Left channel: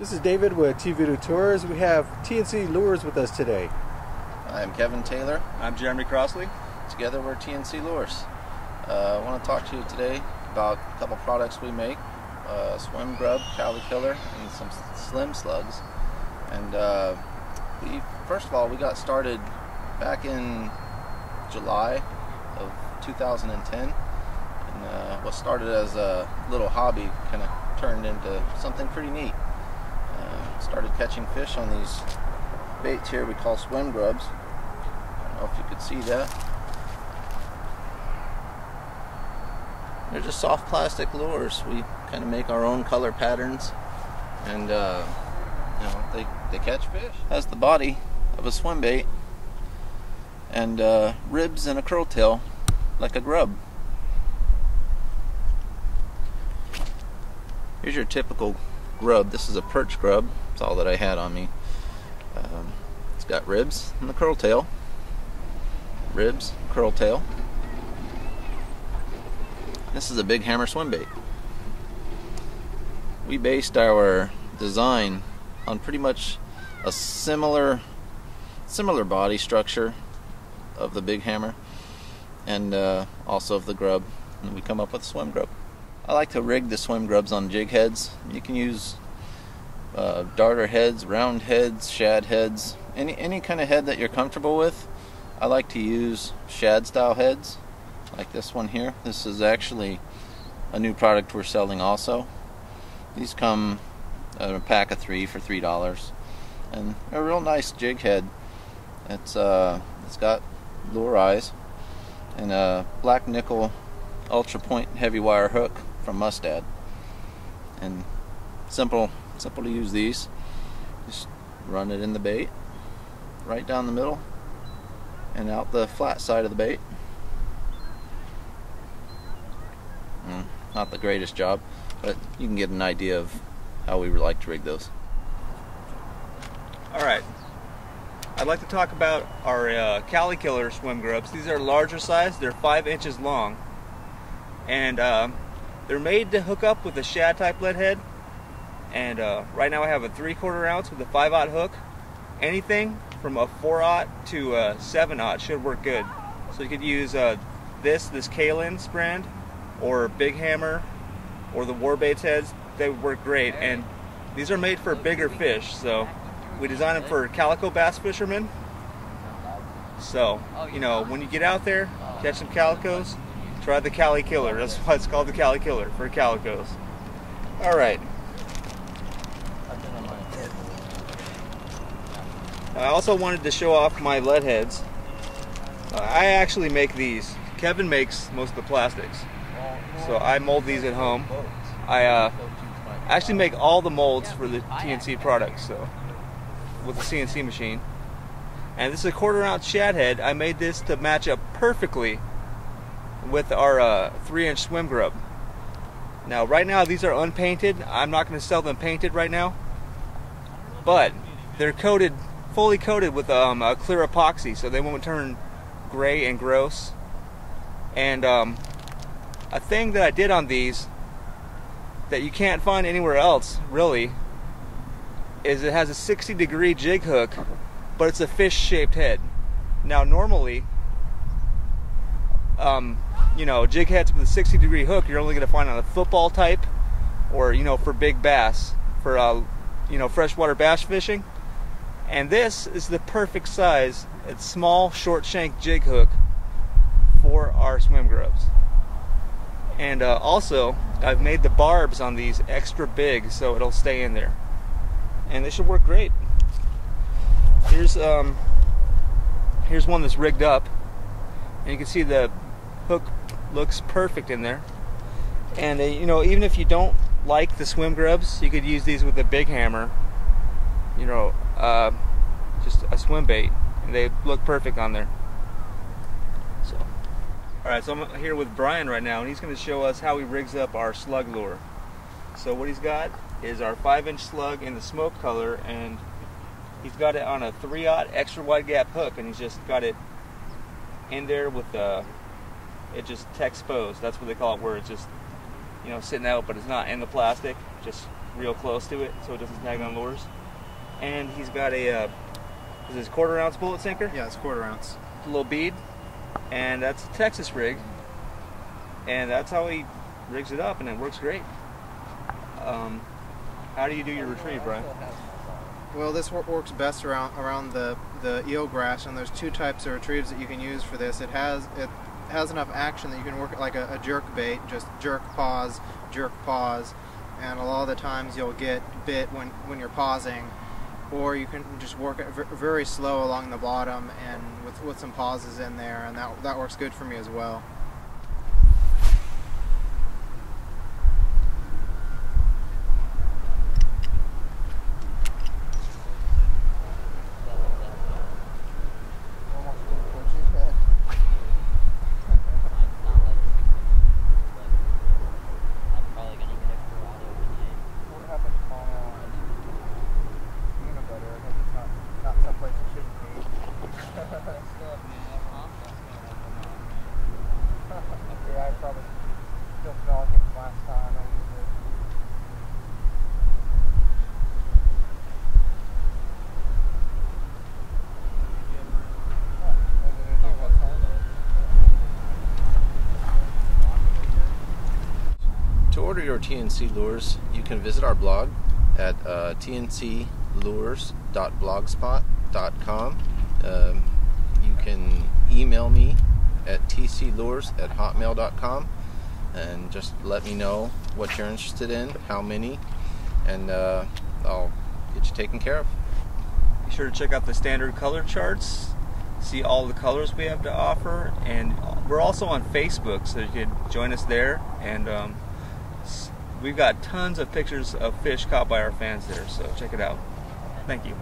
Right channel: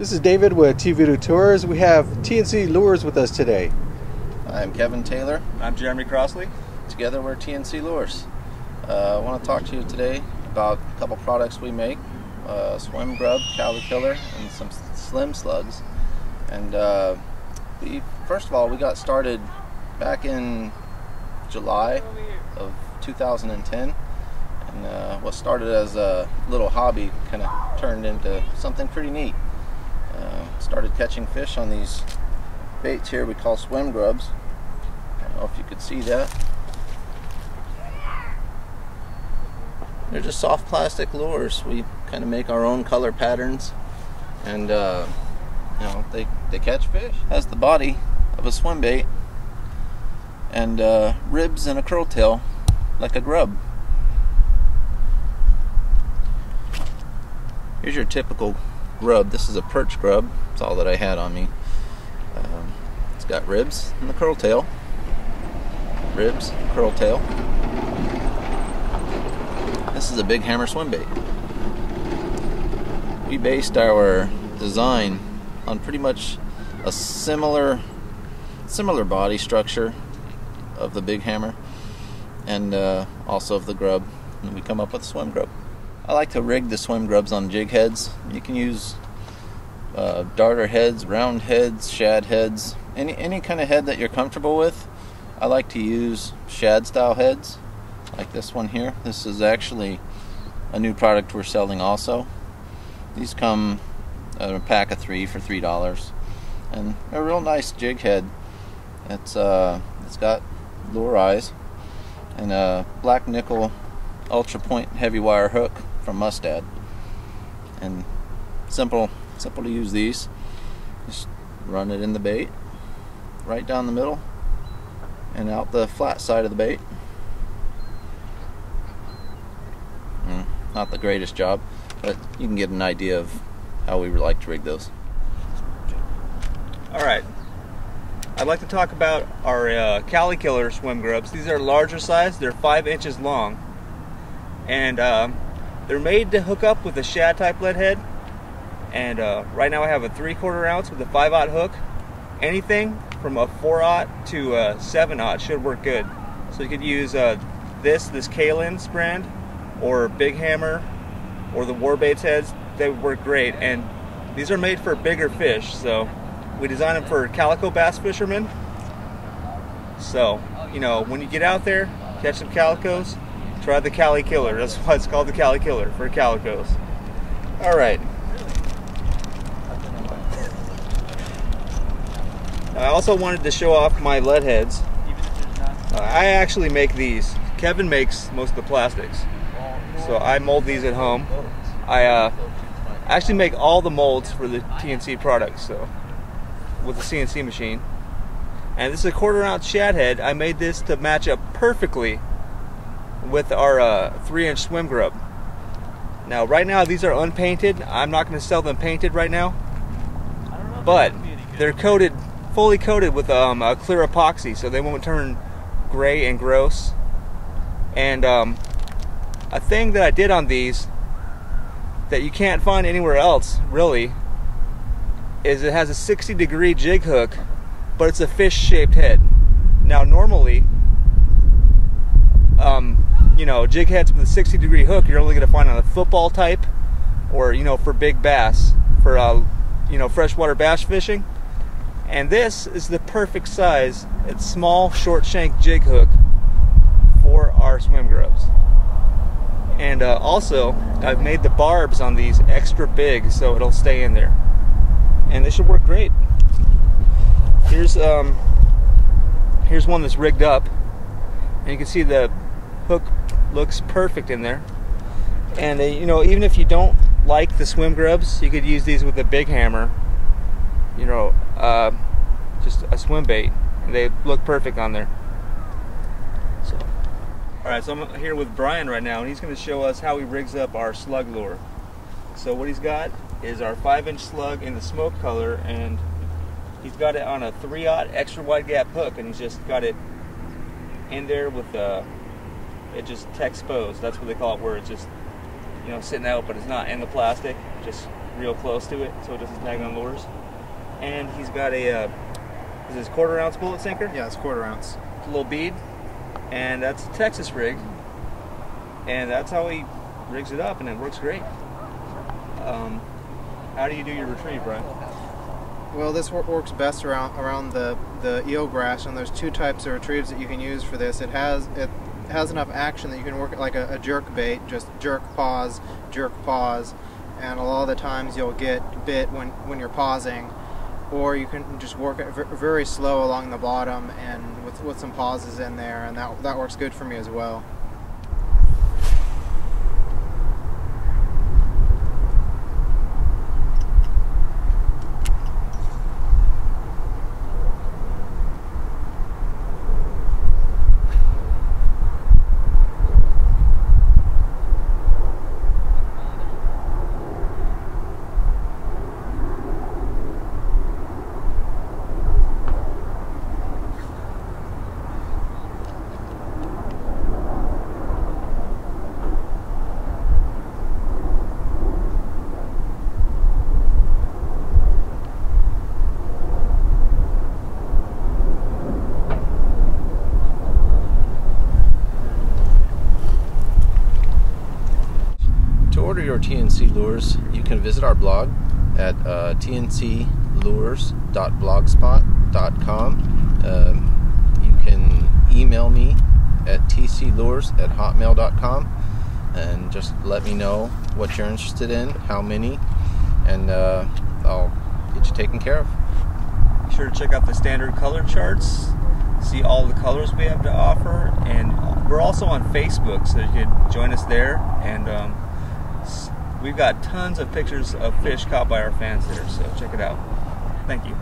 This is David with TVideoTours. We have TNC Lures with us today. I'm Kevin Taylor. I'm Jeremy Crossley. Together we're TNC Lures. I want to talk to you today about a couple products we make. Swim grub, Cali Killer, and some slim slugs. And first of all, we got started back in July of 2010. And what started as a little hobby kind of turned into something pretty neat. Started catching fish on these baits here we call swim grubs. I don't know if you could see that. They're just soft plastic lures. We kind of make our own color patterns, and they catch fish. Has the body of a swim bait and ribs and a curl tail like a grub. Here's your typical grub. This is a perch grub. That's all that I had on me. It's got ribs and the curl tail. Ribs, curl tail. This is a big hammer swim bait. We based our design on pretty much a similar body structure of the big hammer and also of the grub, and we come up with a swim grub. I like to rig the swim grubs on jig heads. You can use darter heads, round heads, shad heads, any kind of head that you're comfortable with. I like to use shad style heads like this one here. This is actually a new product we're selling also. These come in a pack of 3 for $3, and a real nice jig head. It's got lure eyes and a black nickel ultra point heavy wire hook from Mustad, and simple to use these. Just run it in the bait right down the middle and out the flat side of the bait. Not the greatest job, but you can get an idea of how we would like to rig those. Alright, I'd like to talk about our Cali Killer swim grubs. These are larger size. They're 5 inches long, and they're made to hook up with a shad type lead head. And right now I have a 3/4 ounce with a 5/0 hook. Anything from a 4/0 to a 7/0 should work good. So you could use this Kalin brand, or Big Hammer, or the Warbaits heads. They would work great, and these are made for bigger fish. So we designed them for calico bass fishermen. So, you know, when you get out there, catch some calicos, try the Cali Killer. That's why it's called the Cali Killer, for calicos. Alright. I also wanted to show off my lead heads. I actually make these. Kevin makes most of the plastics. So I mold these at home. I actually make all the molds for the TNC products, so with the CNC machine. And this is a 1/4 ounce shad head. I made this to match up perfectly with our 3-inch swim grub. Now right now these are unpainted. I'm not going to sell them painted right now, but they're coated, fully coated with a clear epoxy, so they won't turn gray and gross. And a thing that I did on these that you can't find anywhere else really is it has a 60-degree jig hook, but it's a fish-shaped head. Now normally, you know, jig heads with a 60-degree hook you're only going to find on a football type, or, you know, for big bass, for you know, freshwater bass fishing. And this is the perfect size. It's small, short shank jig hook for our swim grubs. And also, I've made the barbs on these extra big so it'll stay in there, and they should work great. Here's one that's rigged up, and you can see the hook looks perfect in there. And you know, even if you don't like the swim grubs, you could use these with a big hammer. You know, just a swim bait, and they look perfect on there. So, alright, so I'm here with Brian right now, and he's going to show us how he rigs up our slug lure. So what he's got is our 5-inch slug in the smoke color, and he's got it on a 3/0 extra wide gap hook, and he's just got it in there with it just exposed. That's what they call it, where it's just you know, sitting out, but it's not in the plastic, just real close to it, so it doesn't tag on lures. And he's got a, is this 1/4 ounce bullet sinker? Yeah, it's 1/4 ounce. A little bead, and that's a Texas rig, and that's how he rigs it up, and it works great. How do you do your retrieve, Brian? Well, this works best around the eelgrass, and there's 2 types of retrieves that you can use for this. It has enough action that you can work it like a jerk bait, just jerk, pause, and a lot of the times you'll get bit when you're pausing, or you can just work it very slow along the bottom and with some pauses in there, and that works good for me as well. To order your TNC lures, you can visit our blog at tnclures.blogspot.com. You can email me at tclures@hotmail.com and just let me know what you're interested in, how many, and I'll get you taken care of. Be sure to check out the standard color charts, see all the colors we have to offer, and we're also on Facebook, so you can join us there, and we've got tons of pictures of fish caught by our fans there, so check it out. Thank you.